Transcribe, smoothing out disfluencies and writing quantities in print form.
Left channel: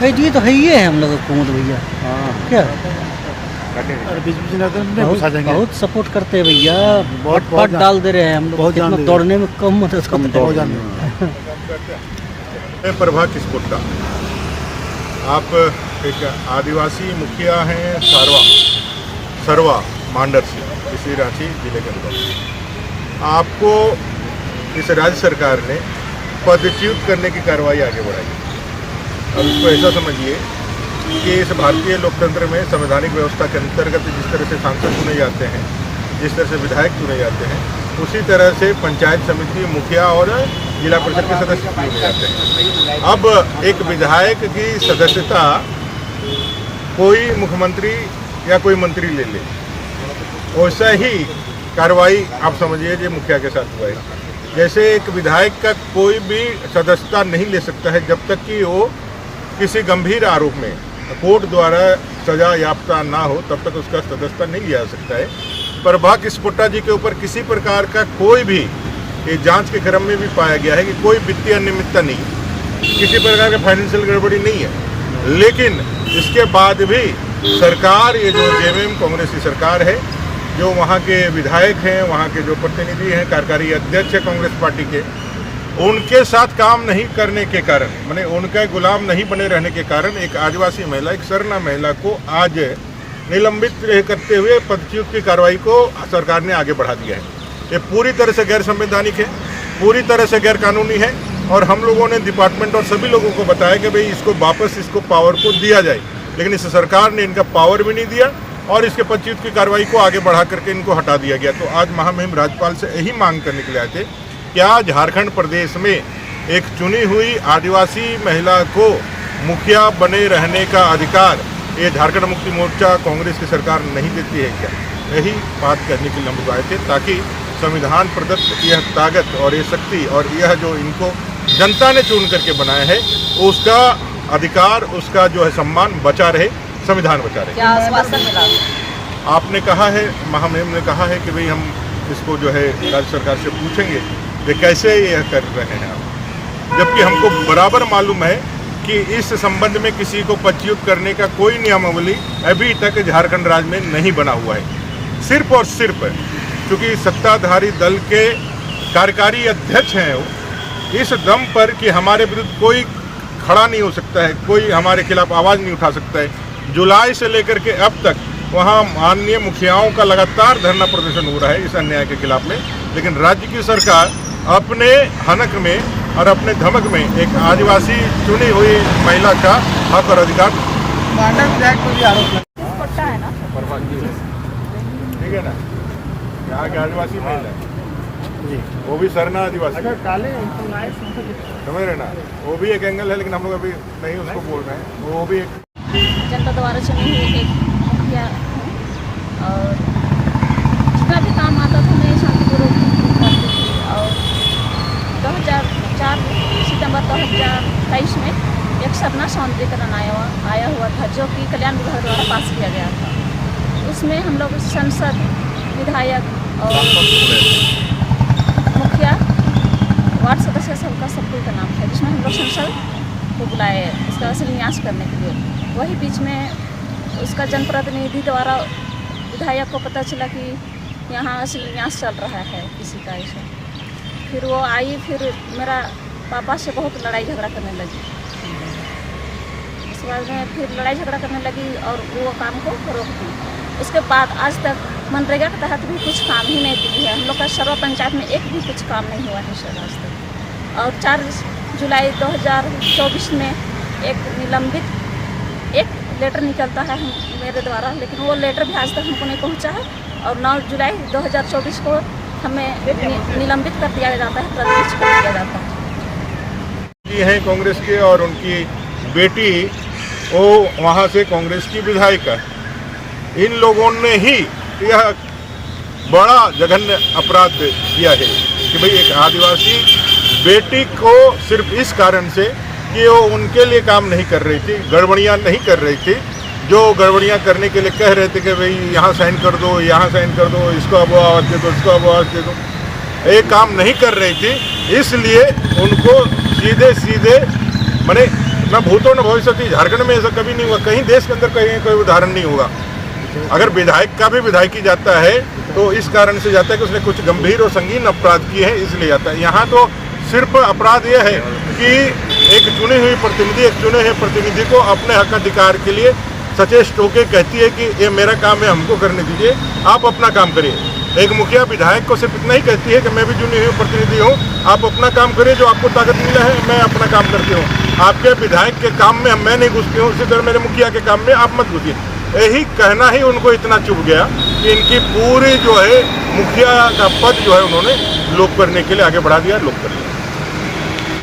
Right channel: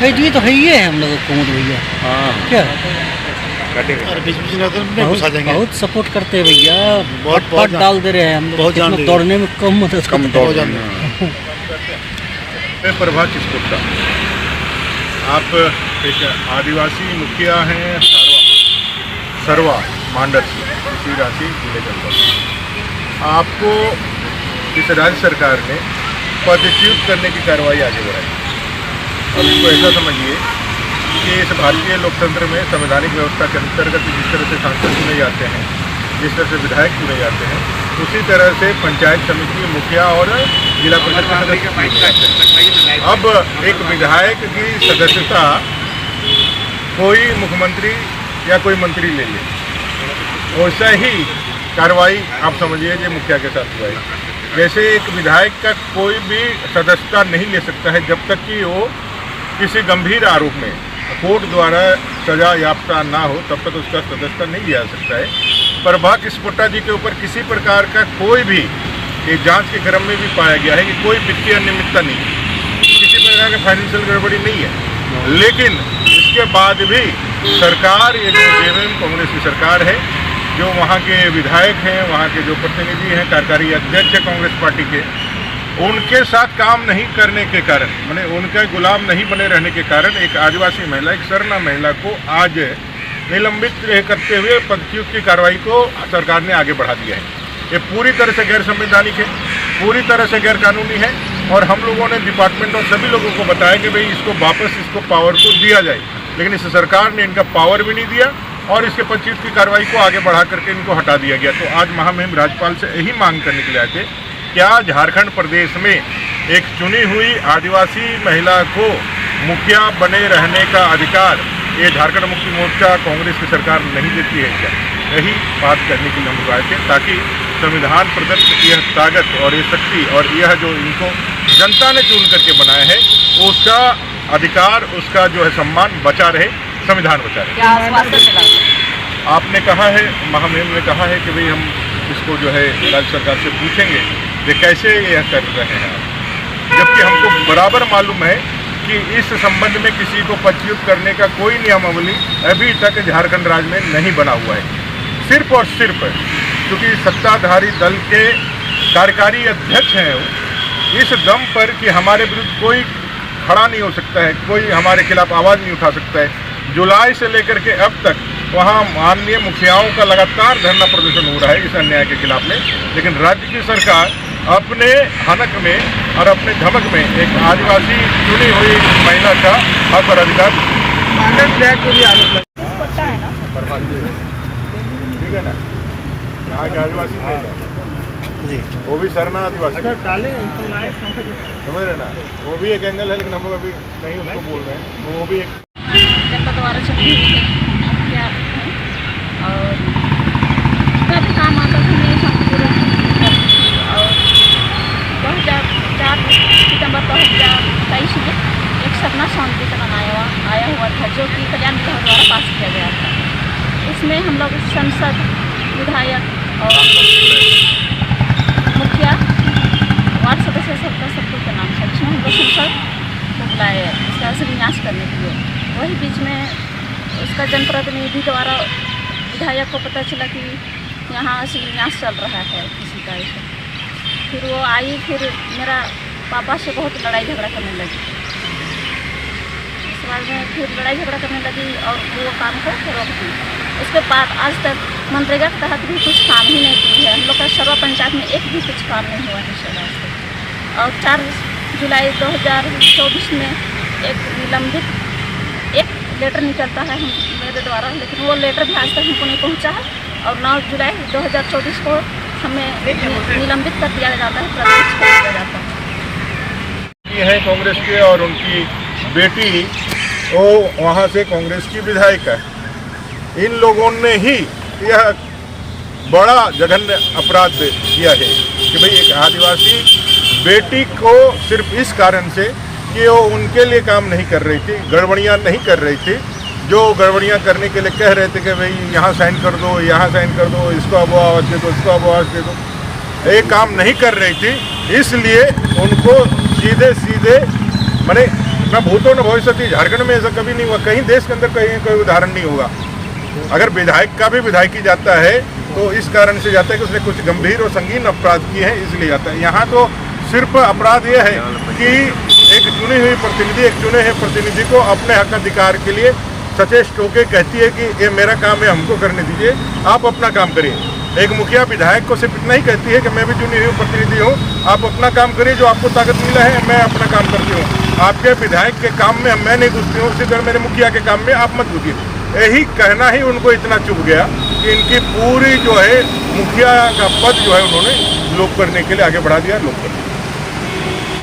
है जी, तो है ही है हम लोग कुमुद भैया। हाँ क्या और बीच बीच में तो नहीं घुसा देंगे। बहुत सपोर्ट करते हैं भैया, बहुत बहुत डाल दे रहे हैं हम लोग, बहुत जान कितना दे रहे दौड़ने में कम मदद कम करते हैं। दौड़ मैं प्रभा किस्पुट्टा। आप एक आदिवासी मुखिया हैं सरवा मांडर से, इसी रांची जिले के अंदर। आपको इस राज्य सरकार ने पदच्युत करने की कार्रवाई आगे बढ़ाई। अब इसको ऐसा समझिए कि इस भारतीय लोकतंत्र में संवैधानिक व्यवस्था के अंतर्गत जिस तरह से सांसद चुने जाते हैं, जिस तरह से विधायक चुने जाते हैं, उसी तरह से पंचायत समिति मुखिया और जिला परिषद के सदस्य चुने जाते हैं। अब एक विधायक की सदस्यता कोई मुख्यमंत्री या कोई मंत्री ले ले, वैसा ही कार्रवाई आप समझिए कि मुखिया के साथ हुआ है। जैसे एक विधायक का कोई भी सदस्यता नहीं ले सकता है जब तक कि वो किसी गंभीर आरोप में कोर्ट द्वारा सजा याफ्ता ना हो, तब तक उसका सदस्यता नहीं लिया जा सकता है। प्रभा किस्पुट्टा जी के ऊपर किसी प्रकार का कोई भी एक जांच के क्रम में भी पाया गया है कि कोई वित्तीय अनियमितता नहीं है, किसी प्रकार का फाइनेंशियल गड़बड़ी नहीं है, लेकिन इसके बाद भी सरकार, ये जो जेएमएम कांग्रेस की सरकार है, जो वहाँ के विधायक हैं, वहाँ के जो प्रतिनिधि हैं, कार्यकारी अध्यक्ष है कांग्रेस पार्टी के, उनके साथ काम नहीं करने के कारण, माने उनका गुलाम नहीं बने रहने के कारण एक आदिवासी महिला, एक सरना महिला को आज निलंबित करते हुए पदच्युत की कार्रवाई को सरकार ने आगे बढ़ा दिया है। ये पूरी तरह से गैर संवैधानिक है, पूरी तरह से गैर कानूनी है, और हम लोगों ने डिपार्टमेंट और सभी लोगों को बताया कि भाई इसको वापस इसको पावर को दिया जाए, लेकिन इस सरकार ने इनका पावर भी नहीं दिया और इसके पदच्युत की कार्रवाई को आगे बढ़ा करके इनको हटा दिया गया। तो आज महामहिम राज्यपाल से यही मांग करने के लिए आए थे, क्या झारखंड प्रदेश में एक चुनी हुई आदिवासी महिला को मुखिया बने रहने का अधिकार ये झारखंड मुक्ति मोर्चा कांग्रेस की सरकार नहीं देती है क्या? यही बात करने के लिए हम आए थे, ताकि संविधान प्रदत्त यह ताकत और ये शक्ति और यह जो इनको जनता ने चुन करके बनाया है, उसका अधिकार, उसका जो है सम्मान बचा रहे, संविधान बचा रहे। आपने कहा है, महामहिम ने कहा है कि भाई हम इसको जो है राज्य सरकार से पूछेंगे कि कैसे यह कर रहे हैं, जबकि हमको बराबर मालूम है कि इस संबंध में किसी को पदच्युत करने का कोई नियमावली अभी तक झारखंड राज्य में नहीं बना हुआ है। सिर्फ और सिर्फ क्योंकि सत्ताधारी दल के कार्यकारी अध्यक्ष हैं वो, इस दम पर कि हमारे विरुद्ध कोई खड़ा नहीं हो सकता है, कोई हमारे खिलाफ आवाज़ नहीं उठा सकता है। जुलाई से लेकर के अब तक वहाँ माननीय मुखियाओं का लगातार धरना प्रदर्शन हो रहा है इस अन्याय के खिलाफ में, लेकिन राज्य की सरकार अपने हनक में और अपने धमक में एक आदिवासी चुनी हुई महिला का हक और अधिकार ठीक है ना, यहाँ के आदिवासी महिला जी, वो भी सरना आदिवासी समझ रहे ना, वो भी एक एंगल है, लेकिन हम लोग अभी नहीं उसको बोल रहे हैं, वो भी एक जनपद द्वारा चुनी हुई एक मुखिया है, और जितना भी काम आता था मैं शांतिपूर्वक करती थी। और 2004 सितंबर 2023 में एक सरना शांतिकरण आया हुआ था, जो कि कल्याण विभाग द्वारा पास किया गया था। इसमें हम लोग सांसद, विधायक और मुखिया, वार्ड सदस्य सबका नाम था, जिसमें हम लोग संसद को बुलाए इसका शिलान्यास करने के लिए। वही बीच में उसका जनप्रतिनिधि द्वारा विधायक को पता चला कि यहाँ शिलान्यास चल रहा है किसी का ऐसा। फिर वो आई, फिर मेरा पापा से बहुत लड़ाई झगड़ा करने लगी। इस बार में फिर लड़ाई झगड़ा करने लगी और वो काम को रोक दी। उसके बाद आज तक मनरेगा के तहत भी कुछ काम ही नहीं दी है। हम लोग का सरवा पंचायत में एक भी कुछ काम नहीं हुआ है सर आज तक। और 4 जुलाई 2024 में एक लेटर निकलता है मेरे द्वारा, लेकिन वो लेटर भी आज तक हमको नहीं पहुंचा है। और 9 जुलाई 2024 को हमें निलंबित कर दिया जाता है, प्रदर्शित कर दिया जाता है। ये हैं कांग्रेस के, और उनकी बेटी वो वहाँ से कांग्रेस की विधायिका है। इन लोगों ने ही यह बड़ा जघन्य अपराध किया है कि भाई एक आदिवासी बेटी को सिर्फ इस कारण से कि वो उनके लिए काम नहीं कर रही थी, गड़बड़ियाँ नहीं कर रही थी, जो गड़बड़ियाँ करने के लिए कह रहे थे कि भाई यहाँ साइन कर दो, यहाँ साइन कर दो, इसको अब आवाज़ दे दो, इसको अब आवाज़ दे दो, ये काम नहीं कर रही थी। इसलिए उनको सीधे माने न भूतो न भविष्यति। झारखंड में ऐसा कभी नहीं हुआ, कहीं देश के अंदर कहीं कोई उदाहरण नहीं होगा। अगर विधायक का भी विधायकी जाता है तो इस कारण से जाता है कि उसने कुछ गंभीर और संगीन अपराध किए हैं, इसलिए जाता है। यहाँ तो सिर्फ अपराध यह है कि एक चुनी हुई प्रतिनिधि, एक चुने हुए प्रतिनिधि को अपने हक अधिकार के लिए सचेष्ट होकर कहती है कि ये मेरा काम है, हमको करने दीजिए, आप अपना काम करिए। एक मुखिया विधायक को सिर्फ इतना ही कहती है कि मैं भी चुनी हुई प्रतिनिधि हूँ, आप अपना काम करिए, जो आपको ताकत मिला है मैं अपना काम करती हूँ, आपके विधायक के काम में मैं नहीं घुसती हूँ, उसी तरह मेरे मुखिया के काम में आप मत घुसिए। यही कहना ही उनको इतना चुभ गया कि इनकी पूरी जो है मुखिया का पद जो है उन्होंने लोप करने के लिए आगे बढ़ा दिया, लोप कर दिया।